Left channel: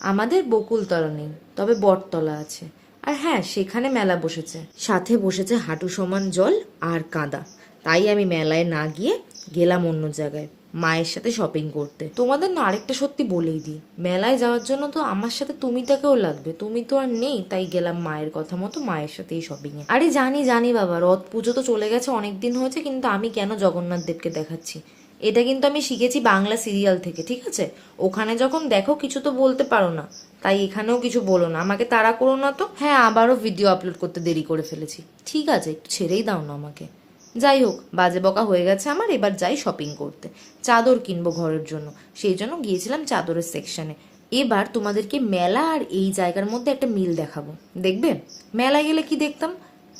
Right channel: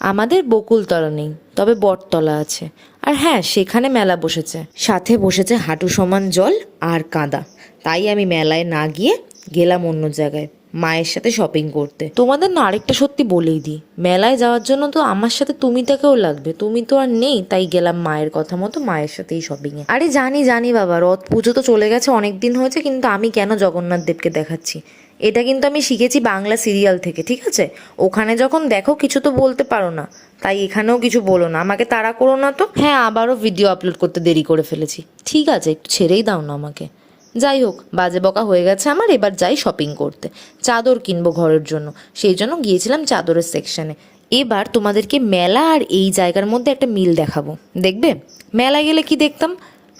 আমাদের বকুলতলা নেই, তবে বটতলা আছে। আর হ্যাঁ, সেখানে মেলা বসেছে, সাথে বসেছে হাঁটু সমান জল আর কাদা। তাই আমি মেলায় না গিয়ে গেলাম অন্য জায়গায় মায়ের সাথে শপিং করতে। তোমাদের না আরেকটা সত্যি বলেই দিই, মেলায় যাওয়ার জন্য তো আমার সাথে তুমিটাকেও লাগবে, তুমি তো আর নেই, তাই গেলাম মায়ের কথা মতো মায়ের সাথেই শপিংয়ে। আরে জানি জানি বাবা, রথ পুজো তো চলে গেছে, অনেক দিন হয়েছে, কিন্তু আমি কেন জগন্নাথ দেবকে দেখাচ্ছি, এটা কিন্তু আমি শিখেছি বাংলা সিরিয়াল থেকে, ঠিক আছে? ওখানে যখন দেখো কিছু তো বলতে পারো না, তাই এখানেও কিছু বলো না, আমাকে তাড়া করো না তো। হ্যাঁ, আবারও ভিডিও আপলোড করতে দেরি করে ফেলেছি, ঠিক আছে, একটু ছেড়েই দাও না আমাকে। যাই হোক, বাজে বকা হয়ে গেছে আমার, এবার যাই শপিং করতে। চাদর কিনবো ঘরের জন্য, সেই জন্য গিয়েছিলাম চাদরের সেকশনে। এবার তোমাদেরকে মেলা আর এই জায়গার মধ্যে একটা মিল দেখাবো, দেখবে? মেলায় গেলে কি দেখতাম?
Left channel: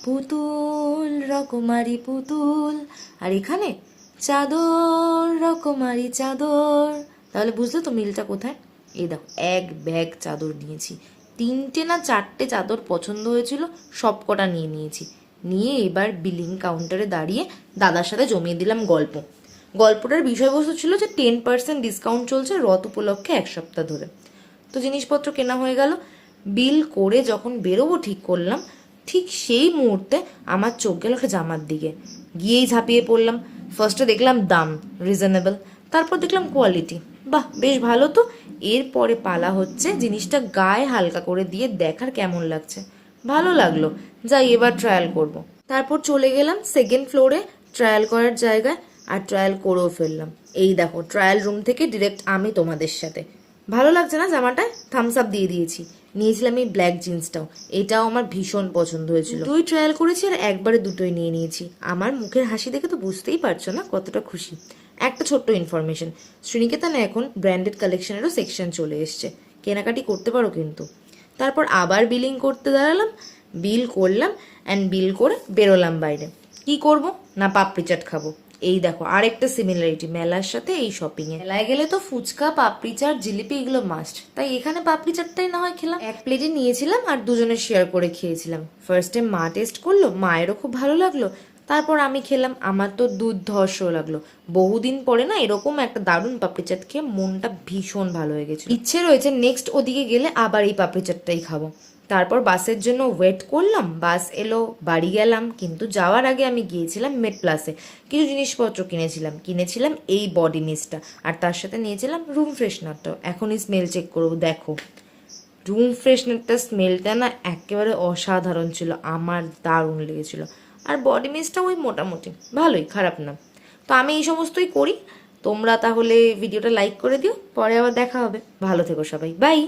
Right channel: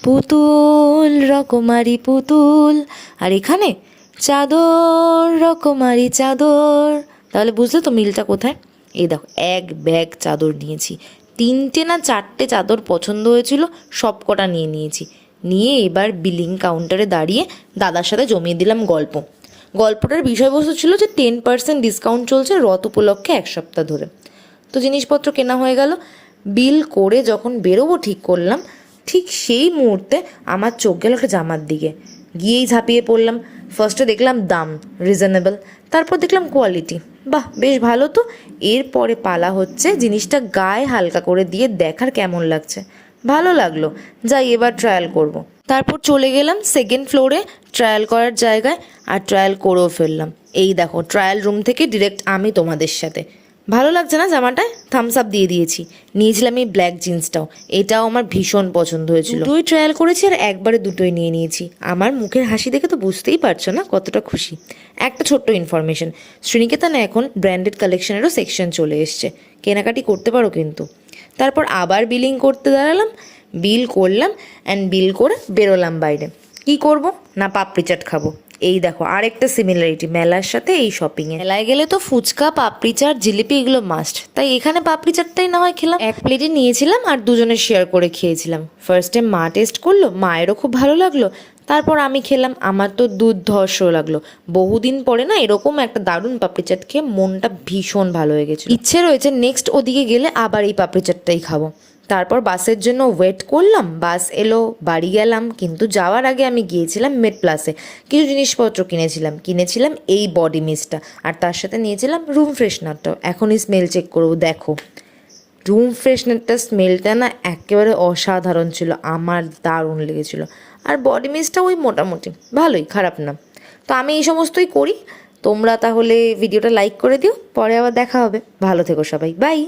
পুতুল, রকমারি পুতুল, আর এখানে চাদর, রকমারি চাদর। তাহলে বুঝলে তো মিলটা কোথায়? এই দেখো, এক ব্যাগ চাদর নিয়েছি, 3টে না 4টে চাদর পছন্দ হয়েছিল, সব কটা নিয়ে নিয়েছি। নিয়ে এবার বিলিং কাউন্টারে দাঁড়িয়ে দাদার সাথে জমিয়ে দিলাম গল্প। গল্পটার বিষয়বস্তু ছিল যে 10% ডিসকাউন্ট চলছে রথ উপলক্ষে 1 সপ্তাহ ধরে। তো জিনিসপত্র কেনা হয়ে গেল, বিল করে যখন বেরোবো ঠিক করলাম, ঠিক সেই মুহূর্তে আমার চোখ গেল একটা জামার দিকে। গিয়েই ঝাঁপিয়ে পড়লাম। ফার্স্টে দেখলাম দাম রিজনেবল, তারপর দেখলাম কোয়ালিটি, বাহ বেশ ভালো তো। এরপরে পালা হচ্ছে জিনিসটা গায়ে হালকা করে দিয়ে দেখার কেমন লাগছে। ভালো লাগলো, যাই এবার ট্রায়াল করব। তারপর চলে গেলাম সেকেন্ড ফ্লোরে ট্রায়াল করার জায়গায়, আর ট্রায়াল করেও ফেললাম। এই দেখো, ট্রায়াল রুম থেকে ডিরেক্ট আমি তোমাদের সাথে। ভালো লাগছে না জামাটায়? থামস আপ দিয়ে দিয়েছি। নিয়েছিলাম এই ব্ল্যাক জিন্সটাও, এটাও আমার ভীষণ পছন্দ হয়েছিল। দুটোই ট্রায়াল করেছি আর একবারে দুটোই নিয়ে নিয়েছি। আমার মুখের হাসি দেখে তো বুঝতেই পারছো না কতটা খুশি। একটা ছোট্ট ইনফরমেশন, শ্রীনিকেতনে এখন ব্র্যান্ডেড কালেকশনেরও সেকশন চলে এসছে, কেনাকাটি করতে পারো কিন্তু। তারপর আবার বিলিং করতে দাঁড়ালাম, বিল করলাম, অ্যান্ড বিল করে বেরোলাম বাইরে। কি করব না, পাপড়ি চাট খাবো। এই দেখো আরেকটা সিমিলারিটি মেলার সাথে এই শপিংয়ে। মেলায় গেলে তো ফুচকা, পাপড়ি চাট, জিলিপি এগুলো মাস্ট, তাই এখানে পাপড়ি চাটটাই না হয় খেলাম। এক প্লেটে নিয়েছিলাম আর দুজনে শেয়ার করে খেয়েছিলাম। ফার্স্টে মা টেস্ট করলো, মায়েরও খুব ভালো লাগলো, তারপর আমি খেলাম, আমার তো দুর্ধর্ষ লাগলো। বহুদিন পরে না এরকম একটা দারুণ পাপড়ি চাট খেয়ে মনটা ভীষণ ভালো হয়ে গেছে। ইচ্ছে রয়েছে নেক্সট ওদিকে গেলে আবার এই পাপড়ি চাটটাই খাবো। তারপর বাসের জন্য ওয়েট করলাম, বাস এলো, বাড়ি গেলাম। কিন্তু যাওয়ার আগে আমি গিয়েছিলাম মেড প্লাসে, কিছু জিনিসপত্র কিনেছিলাম এই বডি মিস্টটা, আর তার সাথে নিয়েছিলাম রুম ফ্রেশনারটাও। এখনই স্মেল চেক করবো, দেখো রুম ফ্রেশনারটার স্মেলটা না একেবারে অসাধারণ ছিল, আমার দারুণ লেগেছিল। আর বডি মিস্টটা ওই মোটামুটি ভালোই, খারাপ না। তো আমি এই সমস্তই করি। তোমরা তাহলে ভিডিওটা লাইক করে দিও, পরে আবার দেখা হবে। ভালো থেকো সবাই, বাই।